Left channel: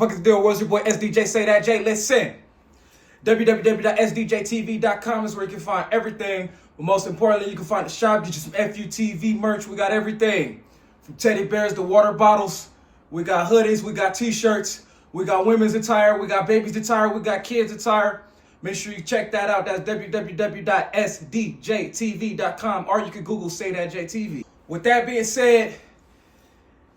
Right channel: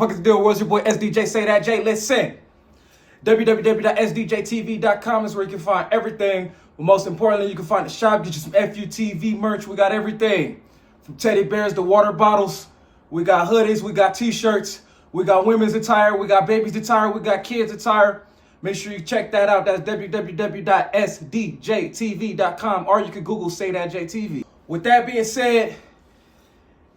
fuck is the deal? What's your boy SDJ? Say that, Jay. Listen. www.sdjtv.com is where you can find everything. But most importantly, you can find the shop. Get you some FU TV merch. We got everything. From teddy bears to water bottles. We got hoodies. We got t-shirts. We got women's attire. We got babies attire. We got kids attire. Make sure you check that out. That's www.sdjtv.com. Or you can Google Say That Jay TV. With that being said,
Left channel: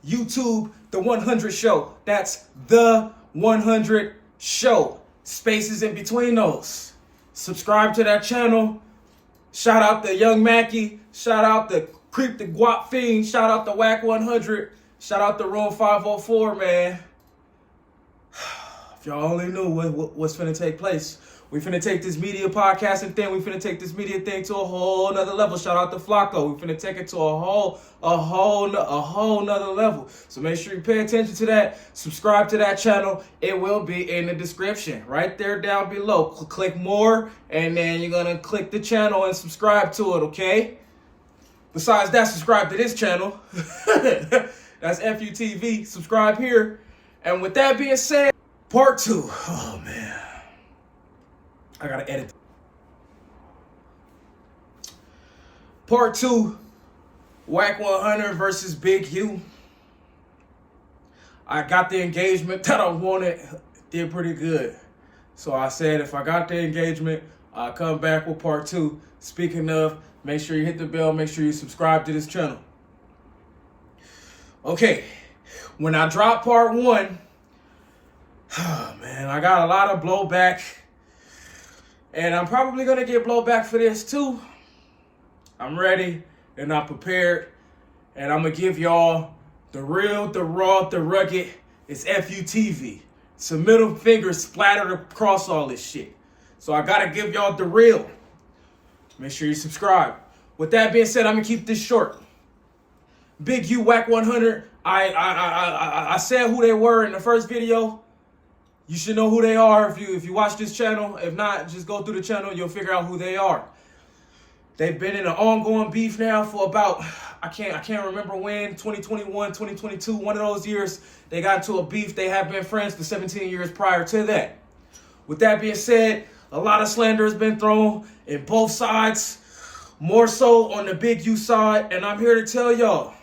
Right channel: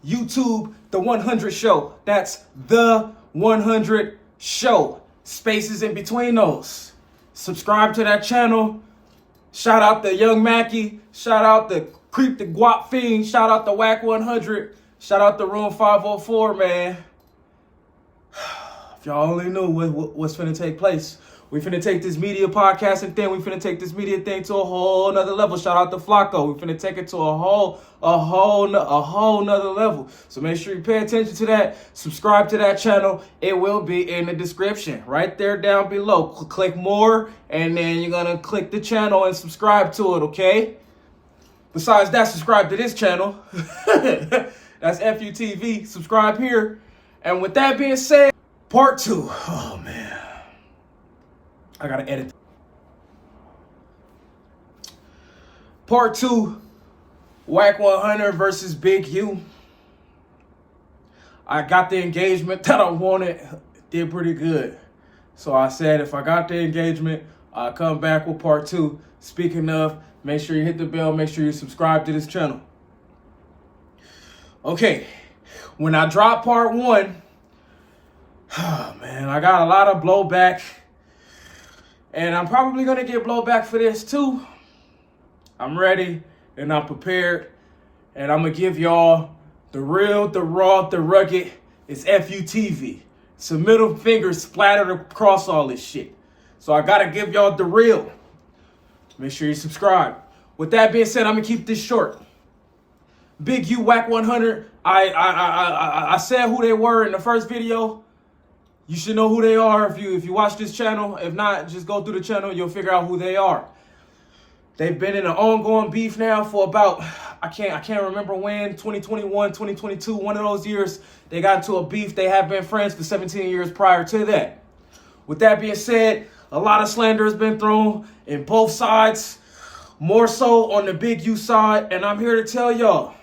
YouTube, The 100 Show. That's The 100 Show. Spaces in between those. Subscribe to that channel. Shout out to Young Mackie. Shout out to Creep the Guap Fiend. Shout out to Wack 100. Shout out to Room 504, man. If y'all only knew what's finna take place. We finna take this media podcasting thing. We finna take this media thing to a whole nother level. Shout out to Flacco. We finna take it to a whole nother level. So make sure you pay attention to that. Subscribe to that channel. It will be in the description right there down below. Click more, and then you're gonna click the channel and subscribe to it. Okay. Besides that, subscribe to this channel. That's FU TV. Subscribe here. And with that being said, part 2. Oh man. I gotta edit. Part 2, Wack 100 versus Big U. I got the engagement that I wanted. Did pretty good. So I said if I got the engagement, I'll come back with part 2. Speaking of, make sure you hit the bell. Make sure you subscribe to this channel. Okay, when I dropped part 1, oh man, I got a lot of blowback. And I'm probably going to get blowback for this too. I'm ready and I'm prepared. And I'm going to give y'all the real, the raw, the rugged. It's FU TV. It's a middle finger splattered across all this shit. So I got to give y'all the real. Make sure you subscribe. With that being said, I'm going to keep this short. Big U, Wack 100. I said who they were in the first video. You should know who they are if you watch this channel. If not, just go through the channel. You'll figure out who they are. They've been in an ongoing beef now for about, I can't remember when, 2021, 2022, one of those years. They got into a beef. They have been friends for 17 years prior to that. With that being said, a lot of slander has been thrown in both sides. More so on the Big U side. And I'm here to tell y'all.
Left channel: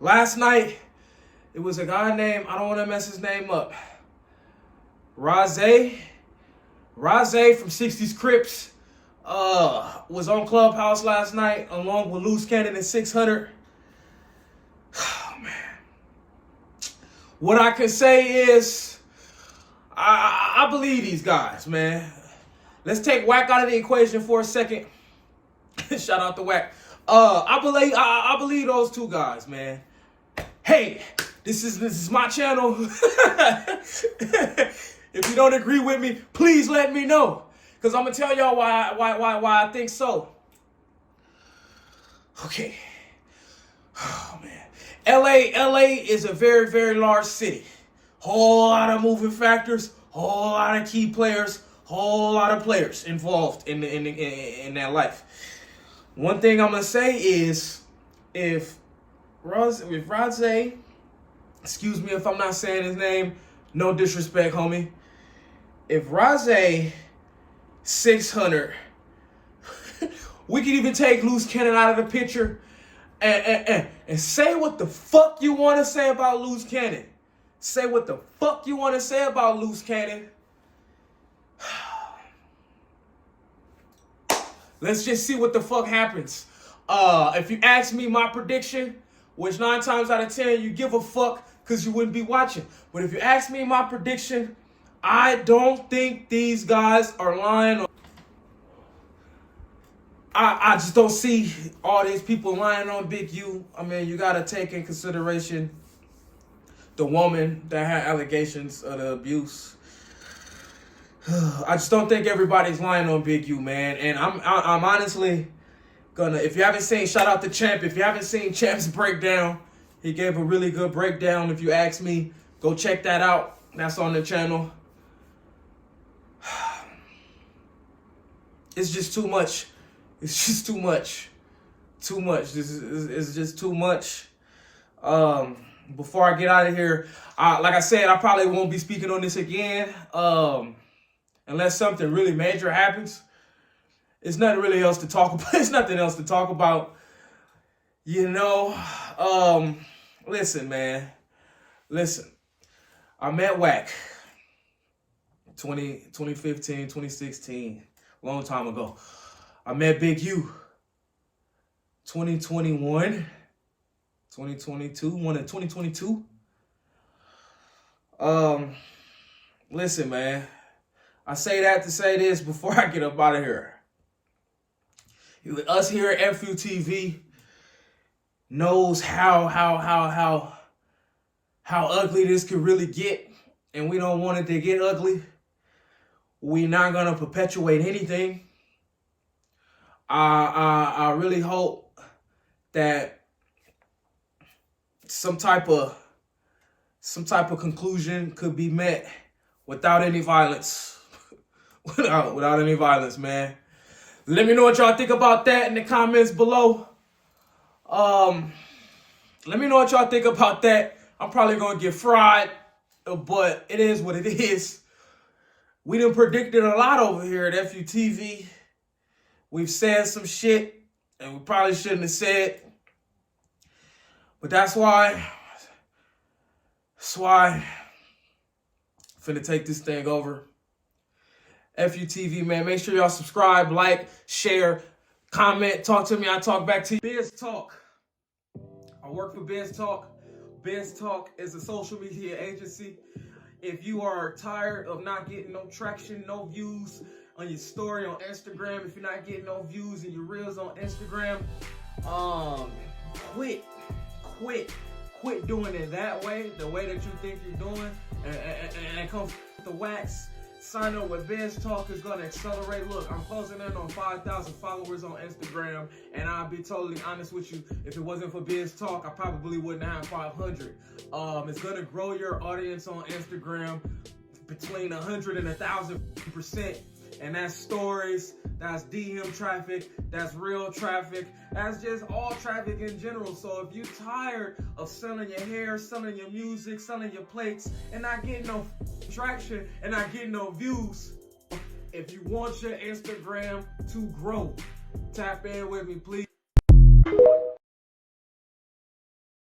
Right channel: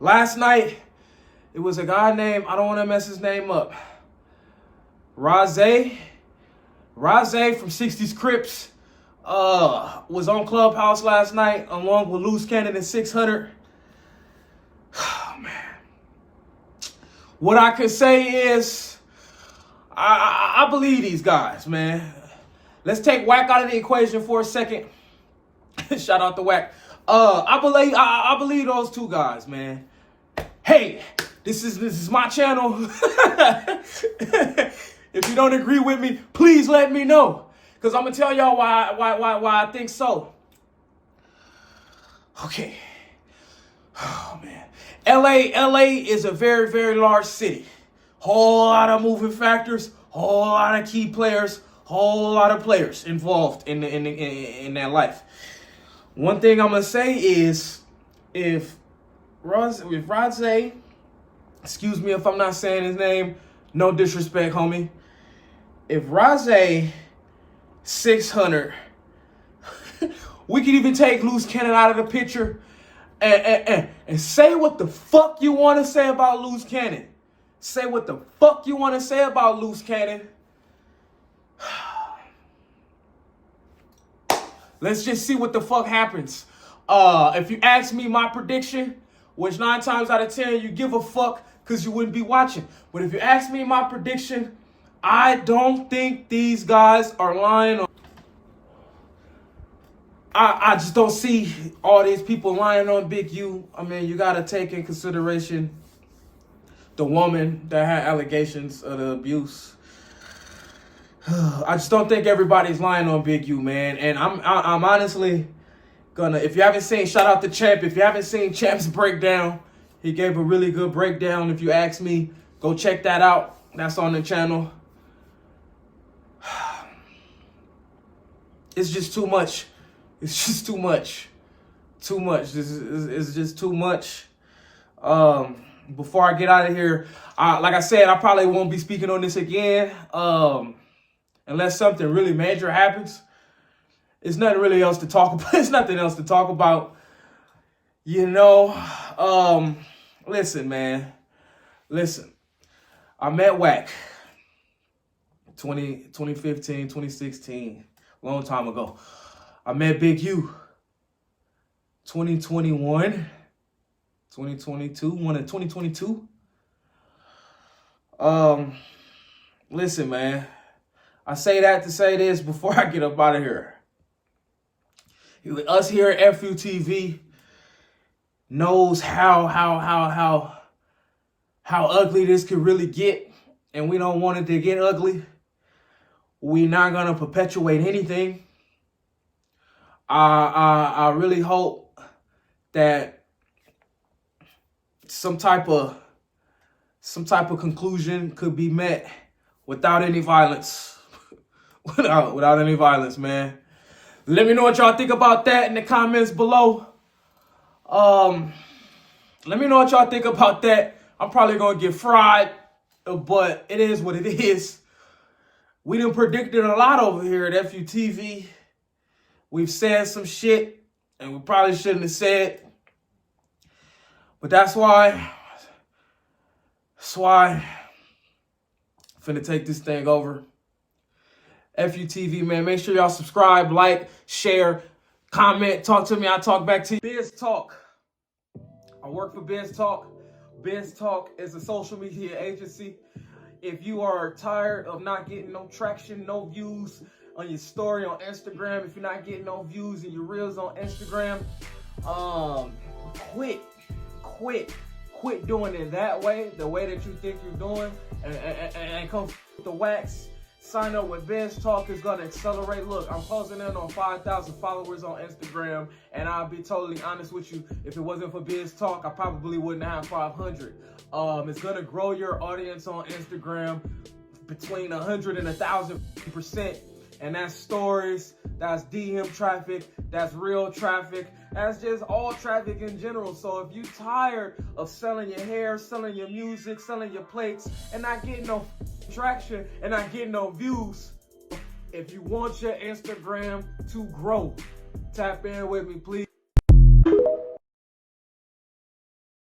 Last night, it was a guy named, I don't want to mess his name up, Raze from 60s Crips, was on Clubhouse last night along with Loose Cannon and 600. Oh, man. What I can say is, I believe these guys, man. Let's take Wack out of the equation for a second. Shout out to Wack. I believe those two guys, man. Hey, this is my channel. If you don't agree with me, please let me know. Because I'm going to tell y'all why I think so. Okay. Oh, man. LA is a very, very large city. Whole lot of moving factors, whole lot of key players, whole lot of players involved in that life. One thing I'm going to say is if Raze, excuse me if I'm not saying his name, no disrespect, homie. If Raze 600, we could even take Loose Cannon out of the picture and say what the fuck you want to say about Loose Cannon. Say what the fuck you want to say about Loose Cannon. Let's just see what the fuck happens. If you ask me my prediction, which 9 times out of 10 you give a fuck because you wouldn't be watching. But if you ask me my prediction, I don't think these guys are lying. I just don't see all these people lying on Big U. I mean, you got to take in consideration the woman that had allegations of the abuse. I just don't think everybody's lying on Big U, man. And I'm honestly gonna, if you haven't seen, shout out to Champ. If you haven't seen Champ's breakdown, he gave a really good breakdown. If you ask me, go check that out. That's on the channel. It's just too much. It's just too much. Too much. It's just too much. before I get out of here, like I said, I probably won't be speaking on this again unless something really major happens. It's nothing really else to talk about. It's nothing else to talk about. You know, listen, man. Listen, I met Wack 2015, 2016, long time ago. I met Big U 2021, 2022, one in 2022. Listen, man. I say that to say this before I get up out of here. Us here at EFF YOU TV knows how ugly this could really get, and we don't want it to get ugly. We're not gonna perpetuate anything. I really hope that some type of conclusion could be met without any violence. without any violence, man. Let me know what y'all think about that in the comments below. Let me know what y'all think about that. I'm probably gonna get fried, but it is what it is. We done predicted a lot over here at EFF YOU TV. We've said some shit, and we probably shouldn't have said. But that's why I'm finna take this thing over. EFF YOU TV, man. Make sure y'all subscribe, like, share, comment, talk to me. I talk back to you. Biz Talk. I work for Biz Talk. Biz Talk is a social media agency. If you are tired of not getting no traction, no views on your story on Instagram, if you're not getting no views in your reels on Instagram, quit doing it that way, the way that you think you're doing, and come with the Wacks. Sign up with Biz Talk. Is gonna accelerate. Look, I'm closing in on 5,000 followers on Instagram, and I'll be totally honest with you. If it wasn't for Biz Talk, I probably wouldn't have 500. It's gonna grow your audience on Instagram between 100 and 1,000%. And that's stories, that's DM traffic, that's real traffic, that's just all traffic in general. So if you're tired of selling your hair, selling your music, selling your plates, and not getting no traction and not getting no views, if you want your Instagram to grow, tap in with me, please.